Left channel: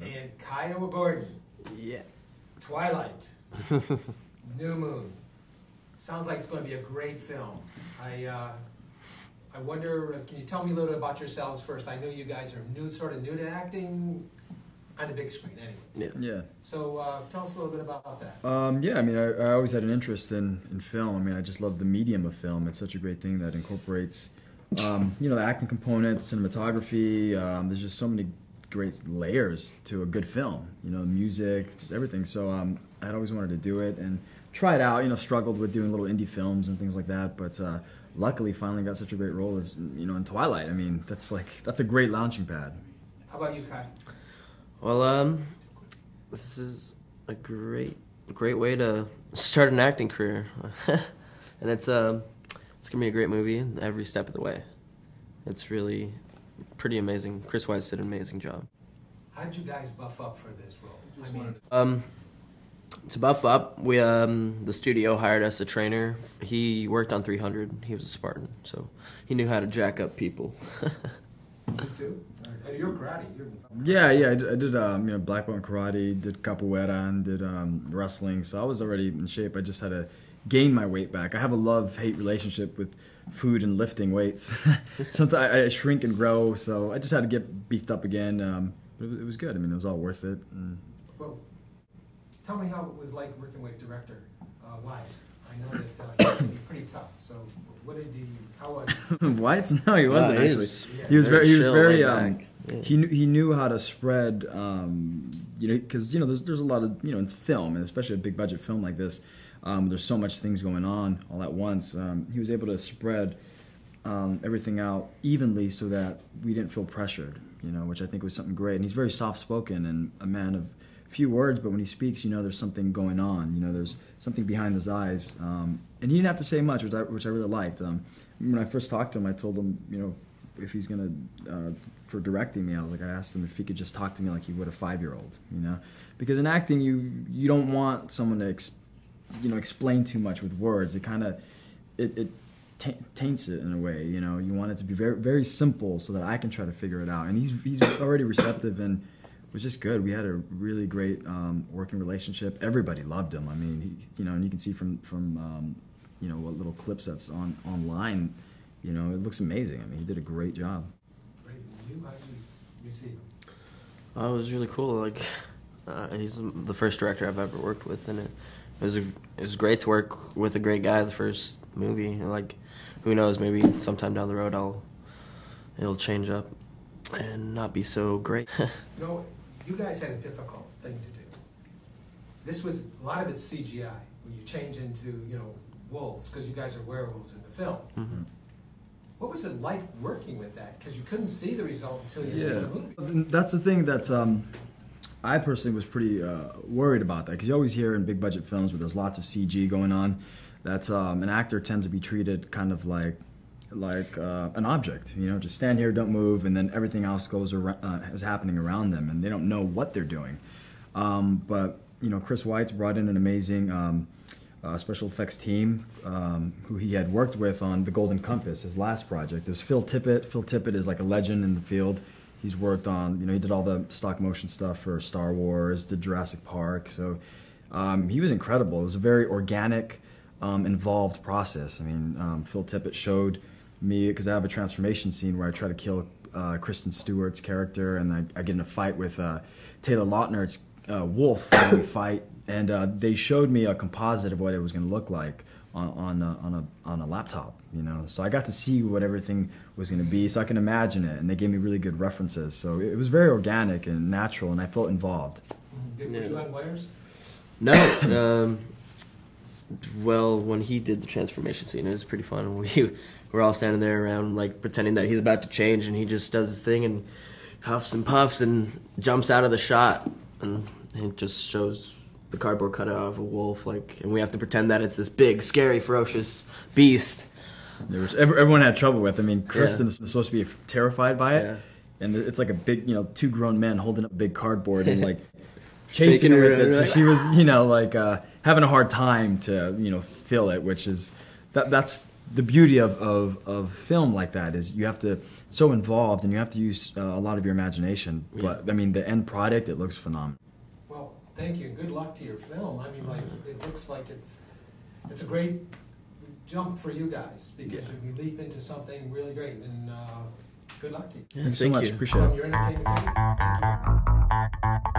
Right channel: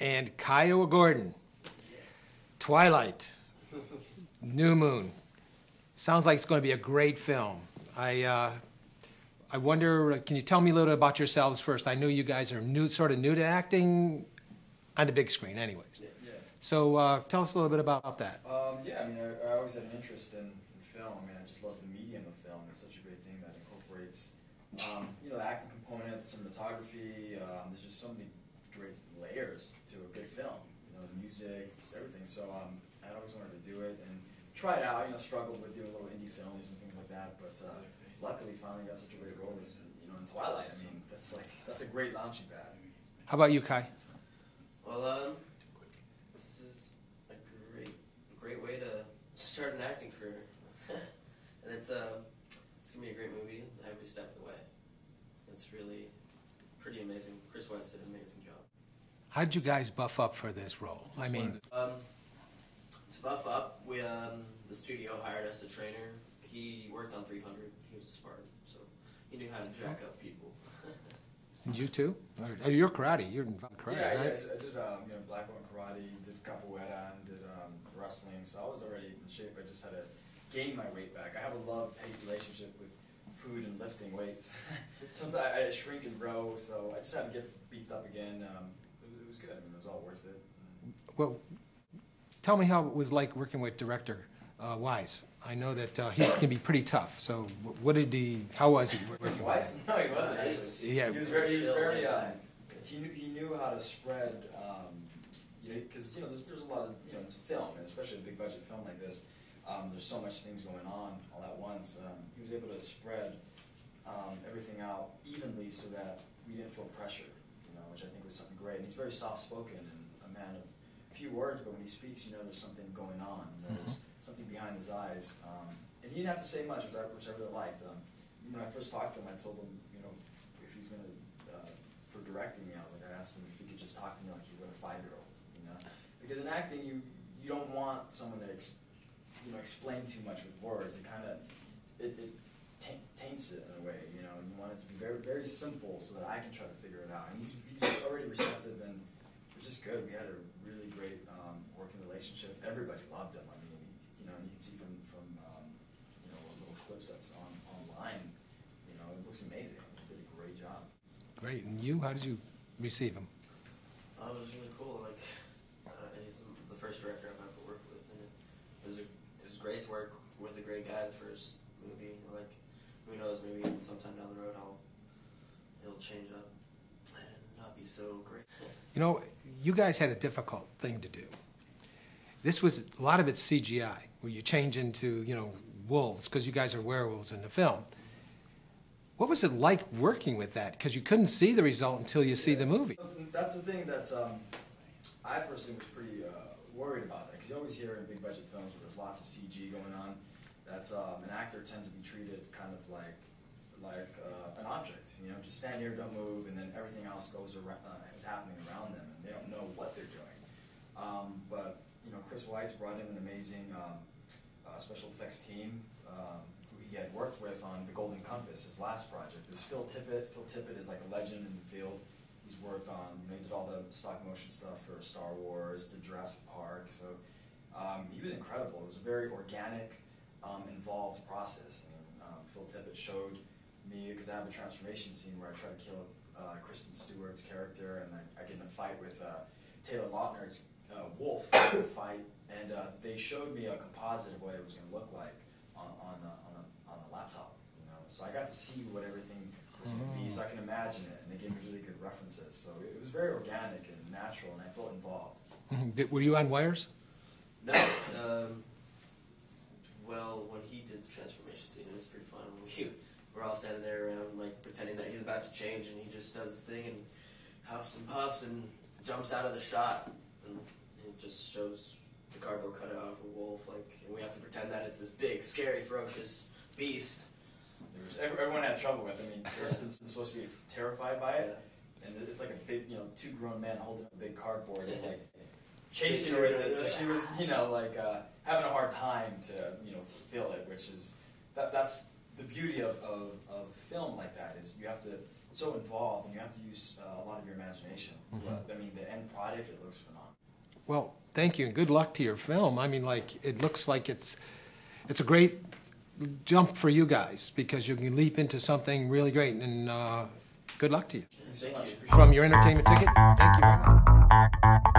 and Kiowa Gordon. Yeah. Twilight. New Moon. Sounds like it's going to be a great film. I wonder, can you tell me a little bit about yourselves first? I know you guys are sort of new to acting on the big screen anyways. Yeah. So tell us a little bit about that. Yeah, I mean, I always had an interest in film. I mean, I just love the medium of film. It's such a great thing that incorporates, you know, the acting component, cinematography. There's just so many great layers to a good film. You know, music, just everything. So I'd always wanted to do it and try it out. You know, struggled with doing little indie films and things like that, but luckily finally got such a great role as, you know, in Twilight. I mean, that's a great launching pad. How about you, Kai? Well, this is a great way to start an acting career, and it's gonna be a great movie every step of the way. It's really pretty amazing. Chris Weitz did an amazing job. How'd you guys buff up for this role? I mean, to buff up, we the studio hired us a trainer. He worked on 300. He was a Spartan, so he knew how to jack up people. you too? You're karate. You're Yeah, I did you know, black belt in karate, did capoeira, and did wrestling. So I was already in shape. I just had to gain my weight back. I have a love-hate relationship with food and lifting weights. Sometimes I shrink and grow, so I just had to get beefed up again. It was good. I mean, it was all worth it. Well, tell me how it was like working with director Wise. I know that he can be pretty tough. So, how was he? White? No, he wasn't actually. He was very. He knew how to spread. You know, because you know there's a lot of, you know, it's film, and especially a big budget film like this. There's so much things going on all at once. He was able to spread everything out evenly so that we didn't feel pressured. You know, which I think was something great. And he's very soft-spoken and a man of few words, but when he speaks, you know, there's something going on. You know, there's something behind his eyes, and he didn't have to say much, which I really liked. When I first talked to him, I told him, you know, if he's gonna for directing me, I asked him if he could just talk to me like he would a 5-year-old, you know, because in acting you don't want someone to explain too much with words. It kind of it taints it in a way, you know. You want it to be very, very simple so that I can try to figure it out. And he's already receptive and was just good. We had a really great working relationship. Everybody loved him. I mean, you know, and you can see from you know, what little clips that's online, you know, it looks amazing. I mean, he did a great job. Great. And you, how did you receive him? It was really cool. Like, he's the first director I've ever worked with, and it was great to work with a great guy. The first movie, like, who knows? Maybe sometime down the road it'll change up and not be so great. You know, you guys had a difficult thing to do. This was, a lot of it's CGI, where you change into, you know, wolves, because you guys are werewolves in the film. Mm-hmm. What was it like working with that? Because you couldn't see the result until you see the movie. That's the thing that I personally was pretty worried about that, because you always hear in big budget films where there's lots of CG going on, that an actor tends to be treated kind of like an object, you know, just stand here, don't move, and then everything else goes is happening around them, and they don't know what they're doing. But you know, Chris Weitz brought in an amazing special effects team who he had worked with on The Golden Compass, his last project. There's Phil Tippett. Phil Tippett is like a legend in the field. He's worked on, you know, he did all the stop motion stuff for Star Wars, did Jurassic Park. So he was incredible. It was a very organic, involved process. I mean, Phil Tippett showed me, because I have a transformation scene where I try to kill Kristen Stewart's character, and I get in a fight with Taylor Lautner's wolf fight, and they showed me a composite of what it was going to look like on a laptop, you know. So I got to see what everything was going to be, so I can imagine it, and they gave me really good references. So it was very organic and natural, and I felt involved. Mm-hmm. Were you on wires? No. Well, when he did the transformation scene, it was pretty fun. We're all standing there around, like, pretending that he's about to change, and he just does his thing and huffs and puffs and jumps out of the shot, and it just shows the cardboard cutout of a wolf, like, and we have to pretend that it's this big, scary, ferocious beast. Everyone had trouble with. I mean, Kristen was supposed to be terrified by it, and it's like a big, you know, 2 grown men holding up big cardboard and like chasing her with it. So she was, you know, like having a hard time to, you know, feel it, which is that's the beauty of film like that, is you have to so involved, and you have to use a lot of your imagination. But I mean, the end product, it looks phenomenal. Well, thank you, and good luck to your film. I mean, like, it looks like it's a great jump for you guys because you can leap into something really great, and good luck to you. Yeah, Thanks so thank much. you. Appreciate From it. your entertainment ticket, thank you very much.